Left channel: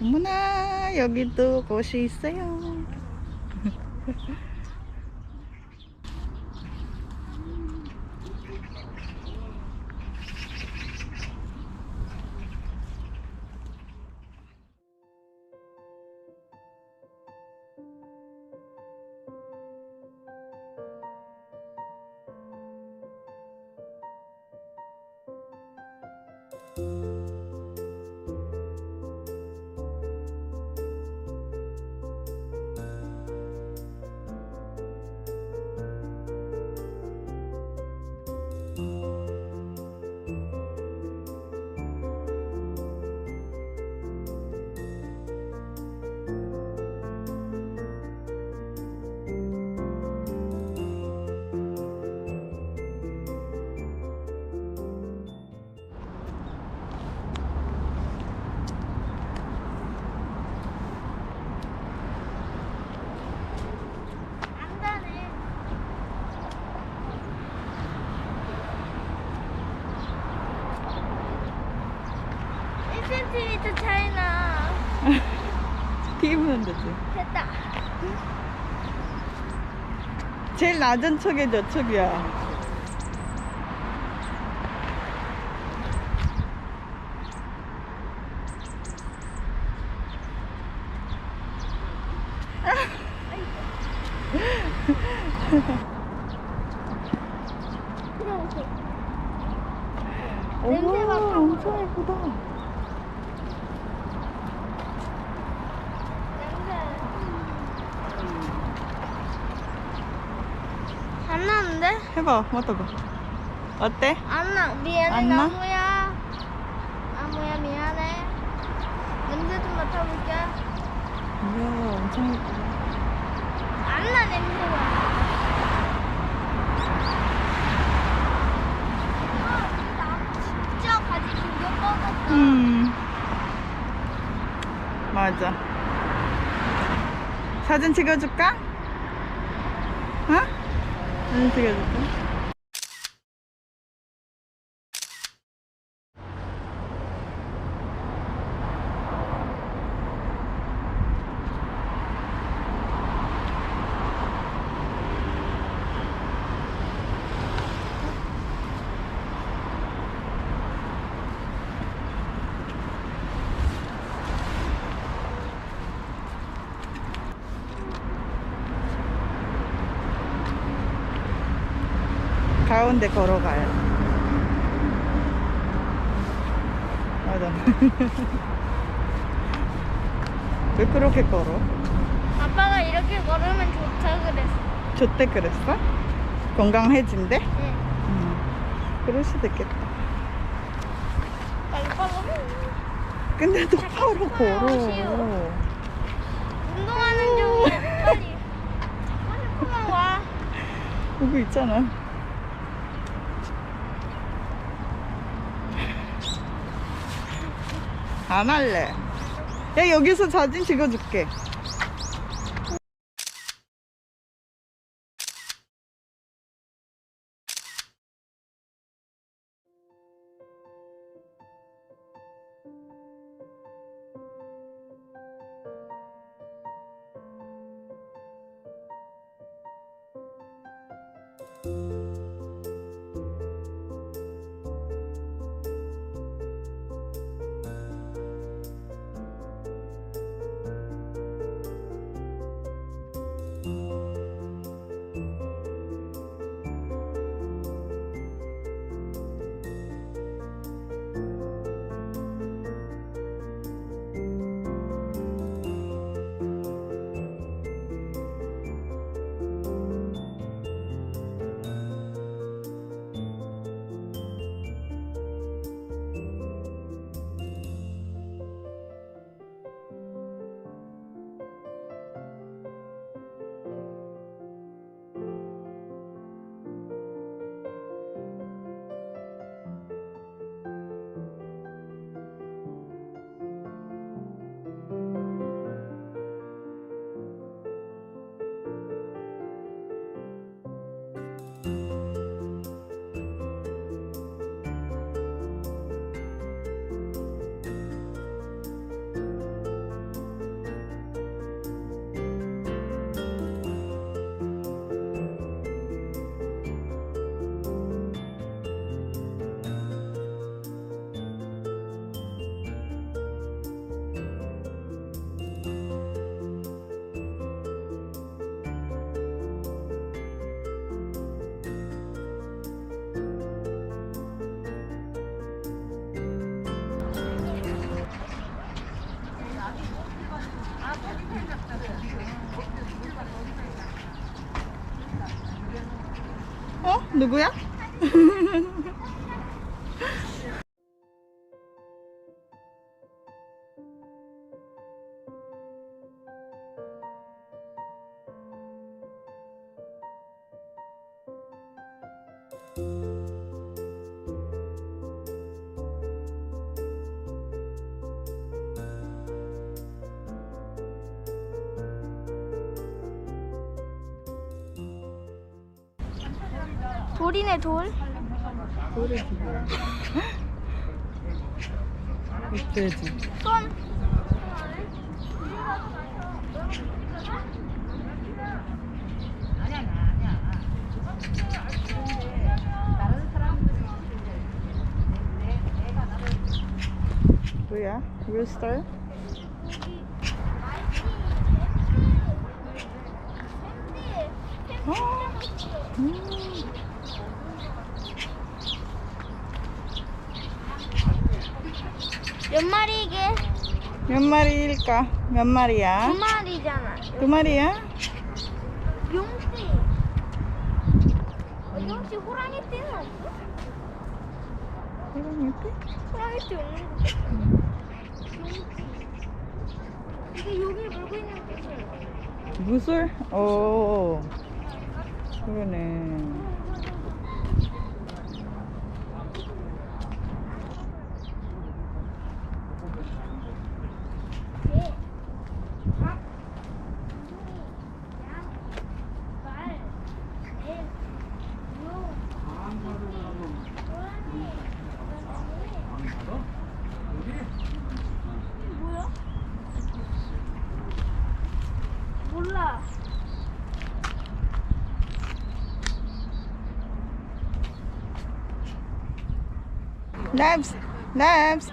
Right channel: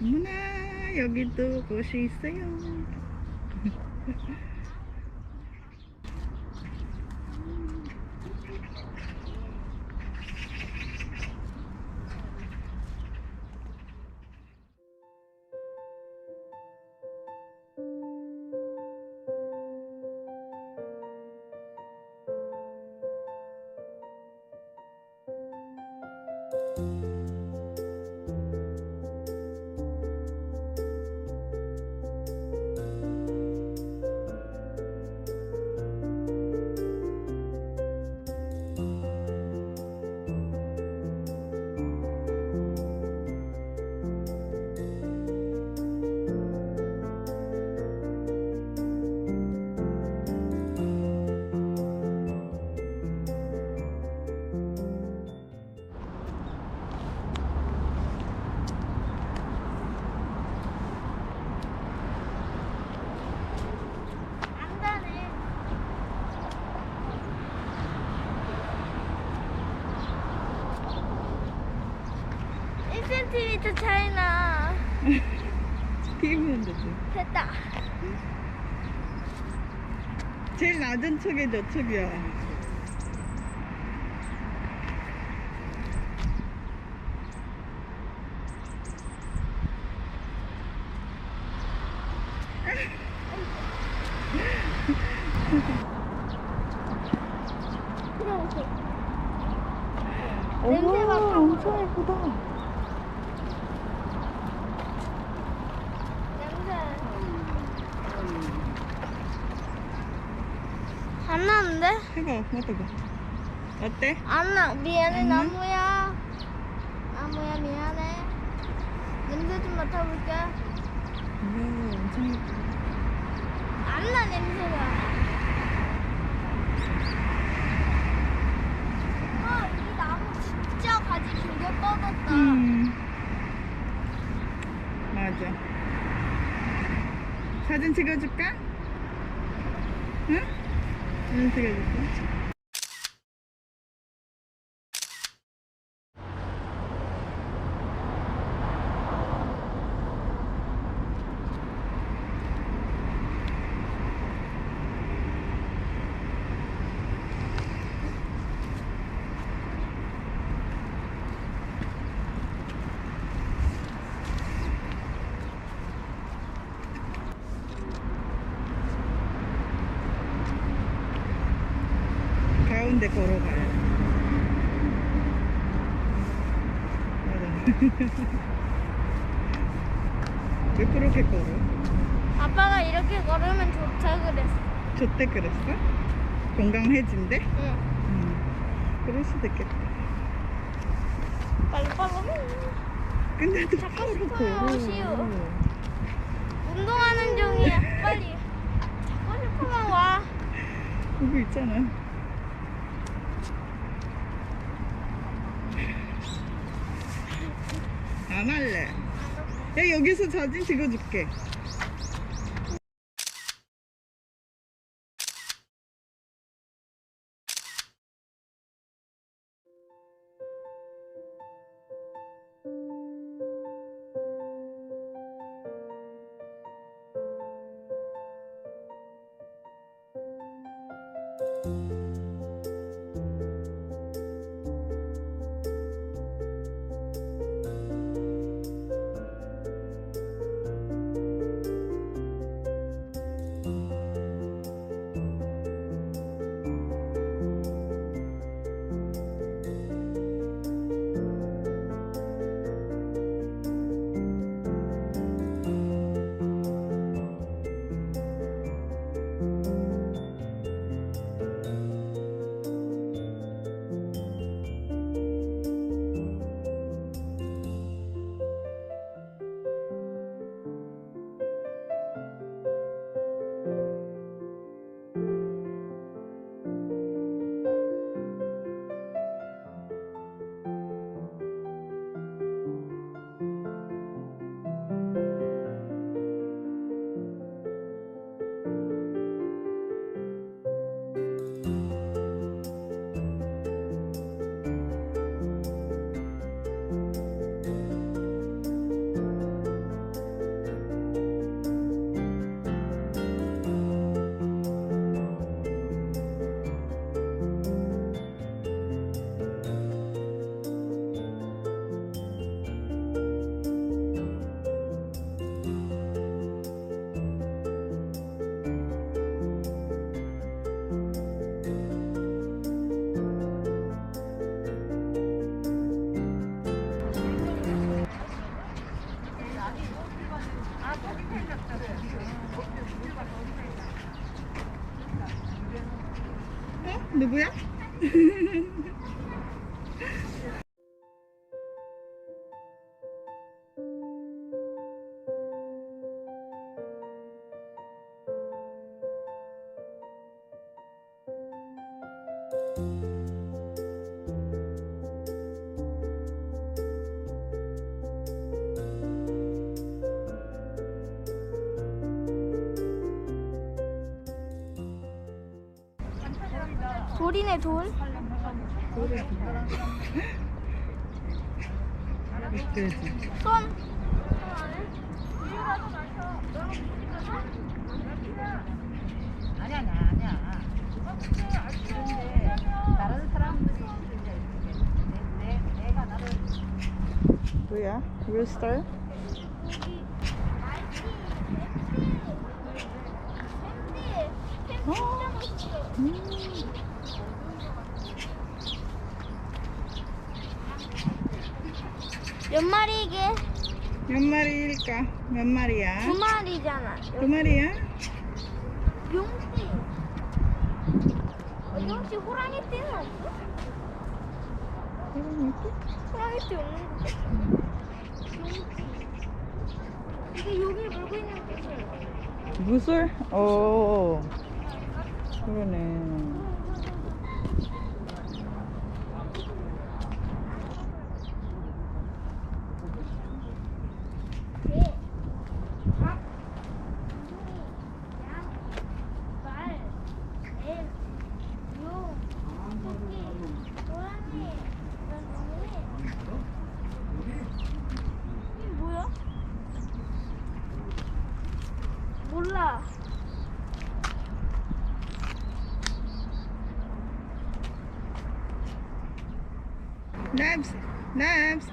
어머나, 여기도 곳이 있어요. 센티미터 차이나. 튀기면 되지. 됐다. 제일 낮은 척이 저쪽이야. 냄새 어머, 맡아. 엄청 예쁘다. 냄새. 안 나는데? 해봐, 맡아봐. 어때? 안 나. 미안해, 안 나? 나무야. 나무야, 미안해. 냄새 좀 맡아볼게. 이야, 엄청 예쁘다. 안 나, 냄새가. 이 나무 진짜 가지 길게 뻗었다. 맞아. 사진 찍어줄까? 어? 사진 찍어줄까? 가운데 걸어가요. 맞아. 왜 그렇게 걸어? 아빠가 이렇게 걸으면 좋다 그랬어. 좋대 그랬어? 건강해진대? 응. 그럴 수도 있겠다. 빨리 빨리. 근데 잡고 똑바로 싶어요, 걸어. 시우. 운동하는 중이야. 빨리. 잡고 싶으면 와. 여기 있잖아. 안 할래. 야, 여기서 사진 찍어줄게. 누구야? 돌이네 돌. 있어야지. 손. 뭐야? 루스터? 몇 마리 이게? 몇 마리일까? 몇 마리야? 두 마리잖아. 두 마리야? 용띠. 혹시 호랑이띠는 없어? 호랑이띠 없는 거 같아. 용띠. 이게 여기 물고 있는 게 무술? 오, 그러네. 몰라. Nabs! Nabs!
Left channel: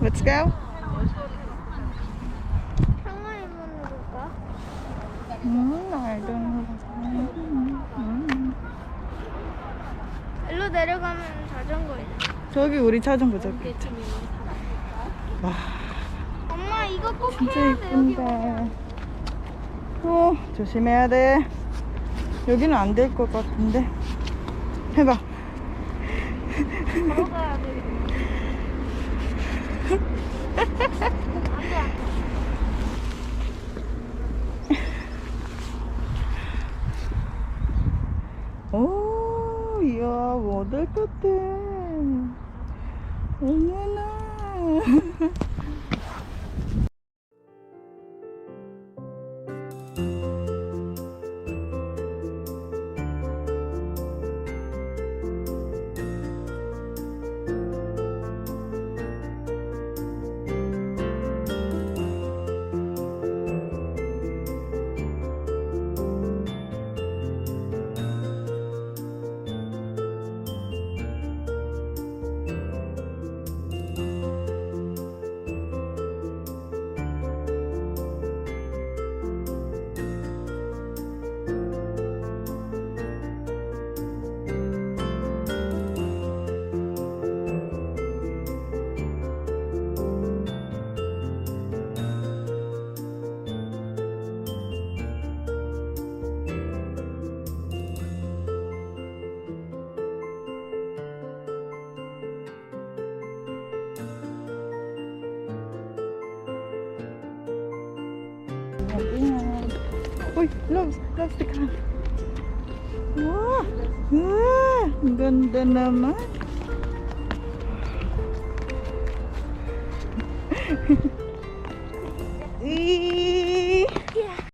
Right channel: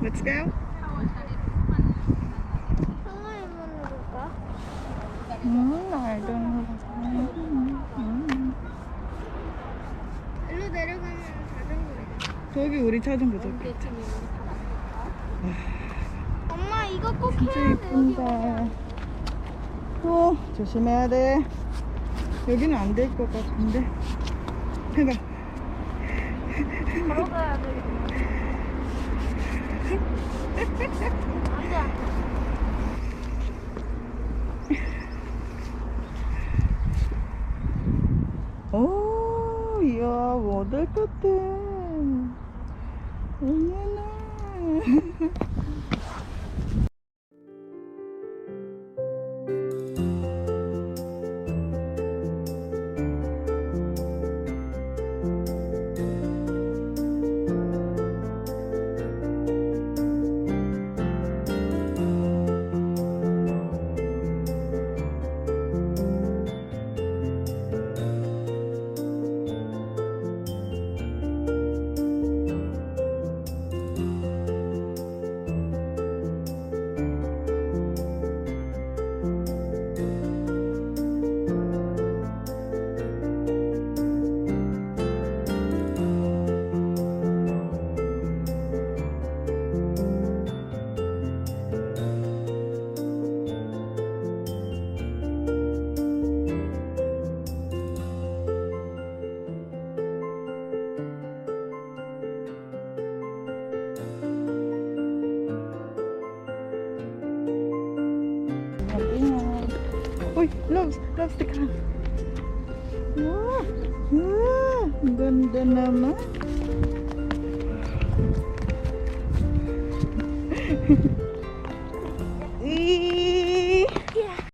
Let's go. 상어의 문을 볼까? I don't know. 일로 내려가면 자전거 있어. 저기 우리 자전거 저기. 와, 엄마 이거 꼭 진짜 해야 돼. 여기 이쁜데. 조심해야 돼. 여기는 안 될 것 같은데. 해봐. 걸어가야 돼. 안 돼, 안 돼. 오, 이야, 못할 것 같아. 어머나. Uy, loves the car. Wow, ang ganda naman.